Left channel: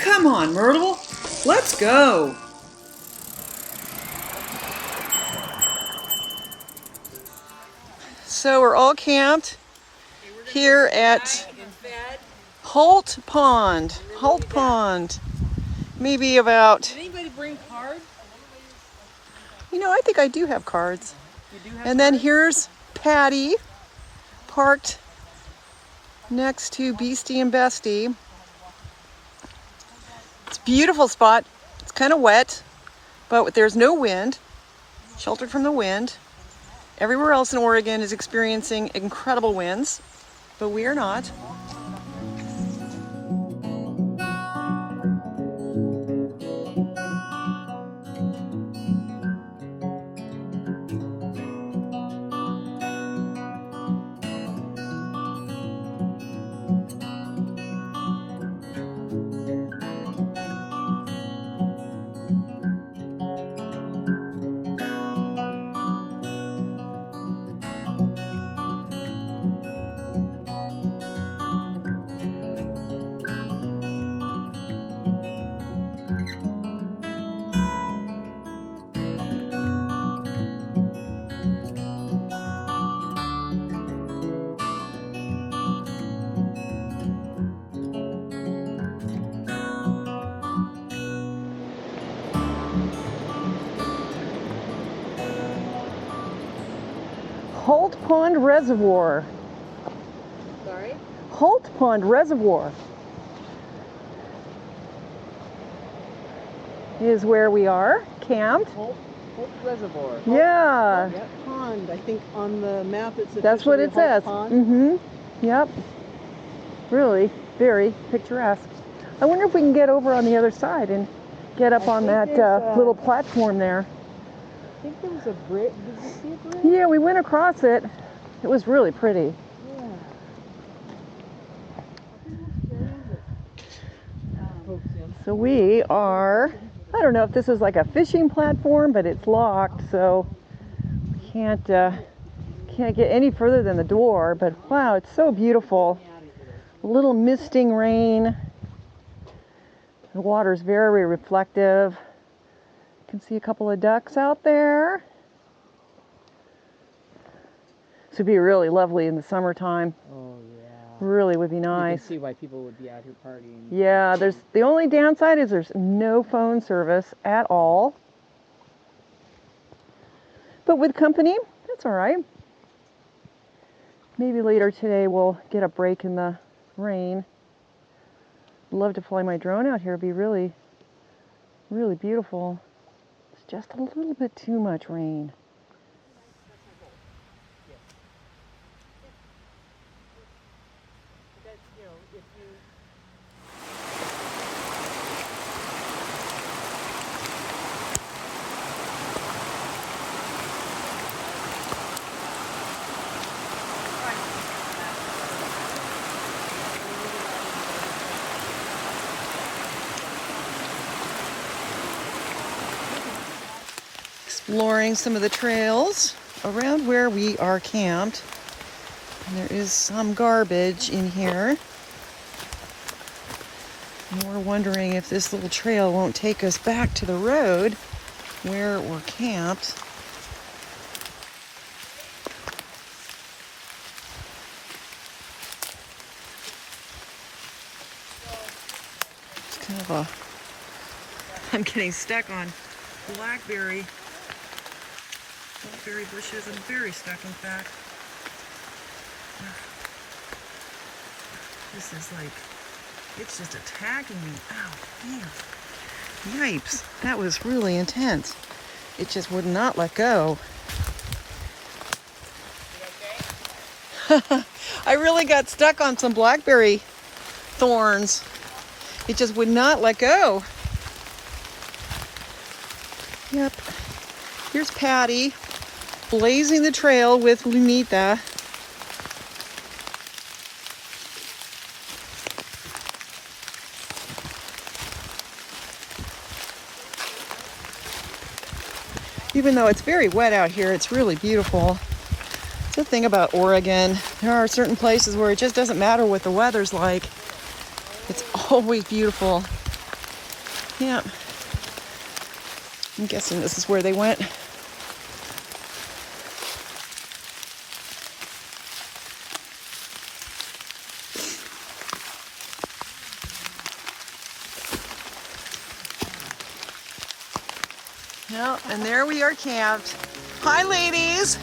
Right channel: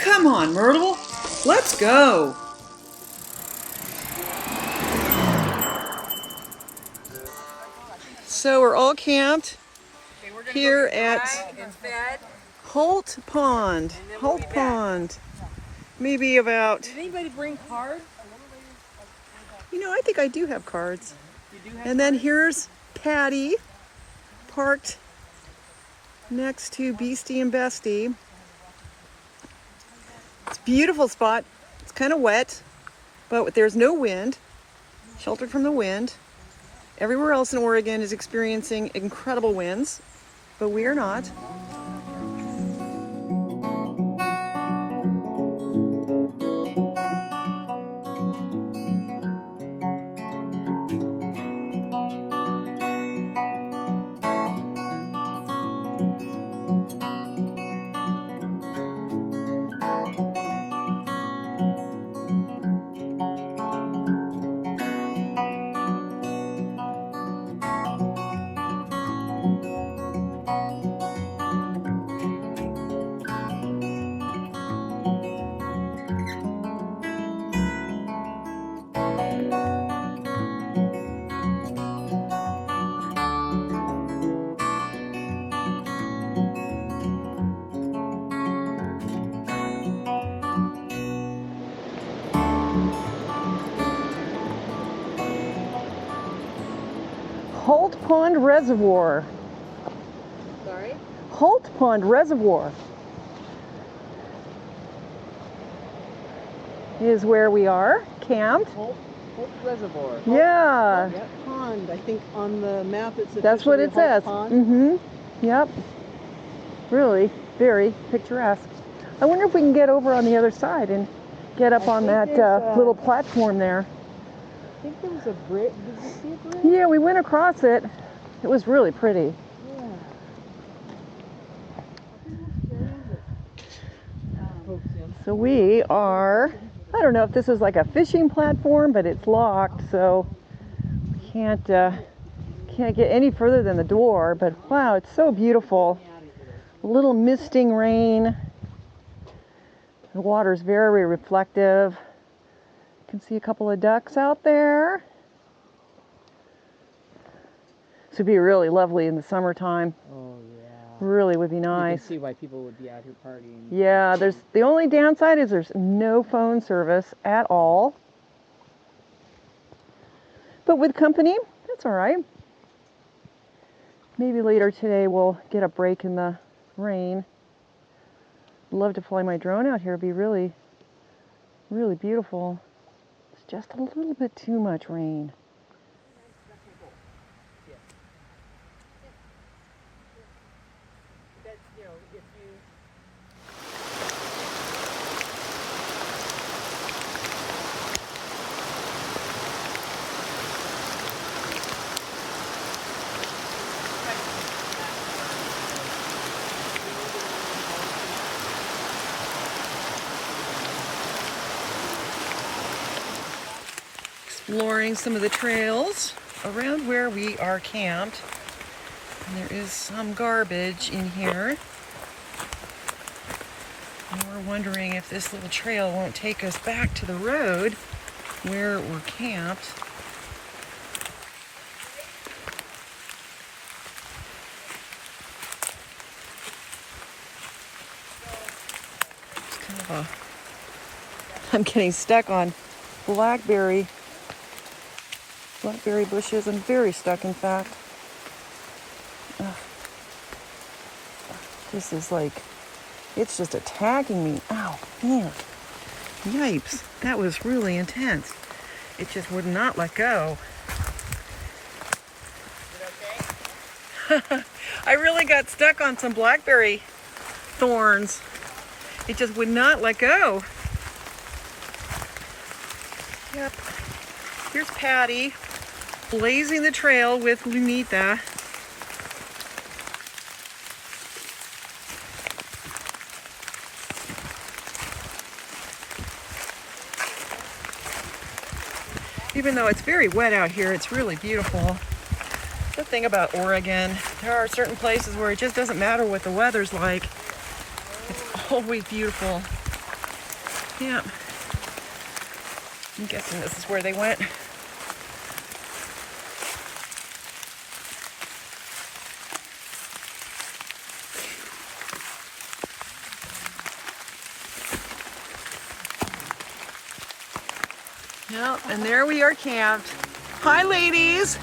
Come on, Myrtle. Let's go. So we're all camped here at Holt Pond. Holt Pond. Maybe about... Did anybody bring cards? You know, I think I do have cards. And then here's Patty, parked next to Beastie and Bestie. It's a beautiful spot. It's kind of wet, but there's no wind, sheltered from the wind. Everywhere else in Oregon is experiencing incredible winds, but we are not. Holt Pond Reservoir. Sorry? Holt Pond Reservoir is where we are camped. Holt Reservoir. Yeah. Pond. I think on the map it's That's what it says. Pond. Yep. Really very picturesque. I wonder if we can get over on the other side and get up on that little platform there. I think there was a bridge. Did you see a bridge? Yeah, we went across it. It was really pretty. Yeah. So we are, I don't know if this is like a fishing platform, but it's locked, so we can't get any further than the door. But wow, it's so beautiful. A little misting rain. The water's very reflective. You can see a couple of ducks out there. This would be really lovely in the summertime. Oh yeah. Really would be nice. You can see why people would be out here partying. Yeah, the only downside is there's no phone service at all. But with company, that's all right. Maybe later today we'll get a break in the rain. I'd love to fly my drone out here. It'd be really, really beautiful. It's just a little bit too much rain. Exploring some of the trails around where we are camped. And there is some garbage in here. And we're wondering if this little trail won't take us back to the road where we're camped. It's kind of a I'm getting stuck on blackberry bushes. I'm very stuck, in fact. Ugh. This is like, it's just attacking me. Ow, man. Yipes, that was really intense. It just would not let go. I really got stuck on some blackberry thorns. It just would not let go. Yep. Here's Patty blazing the trail with Lunita. Even though it's very wet out here, it's really beautiful. That's the thing about Oregon. There are certain places where it just doesn't matter what the weather's like. It's always beautiful. Yeah. I'm guessing this is where they went. Yeah, and there we are camped. Hi, ladies.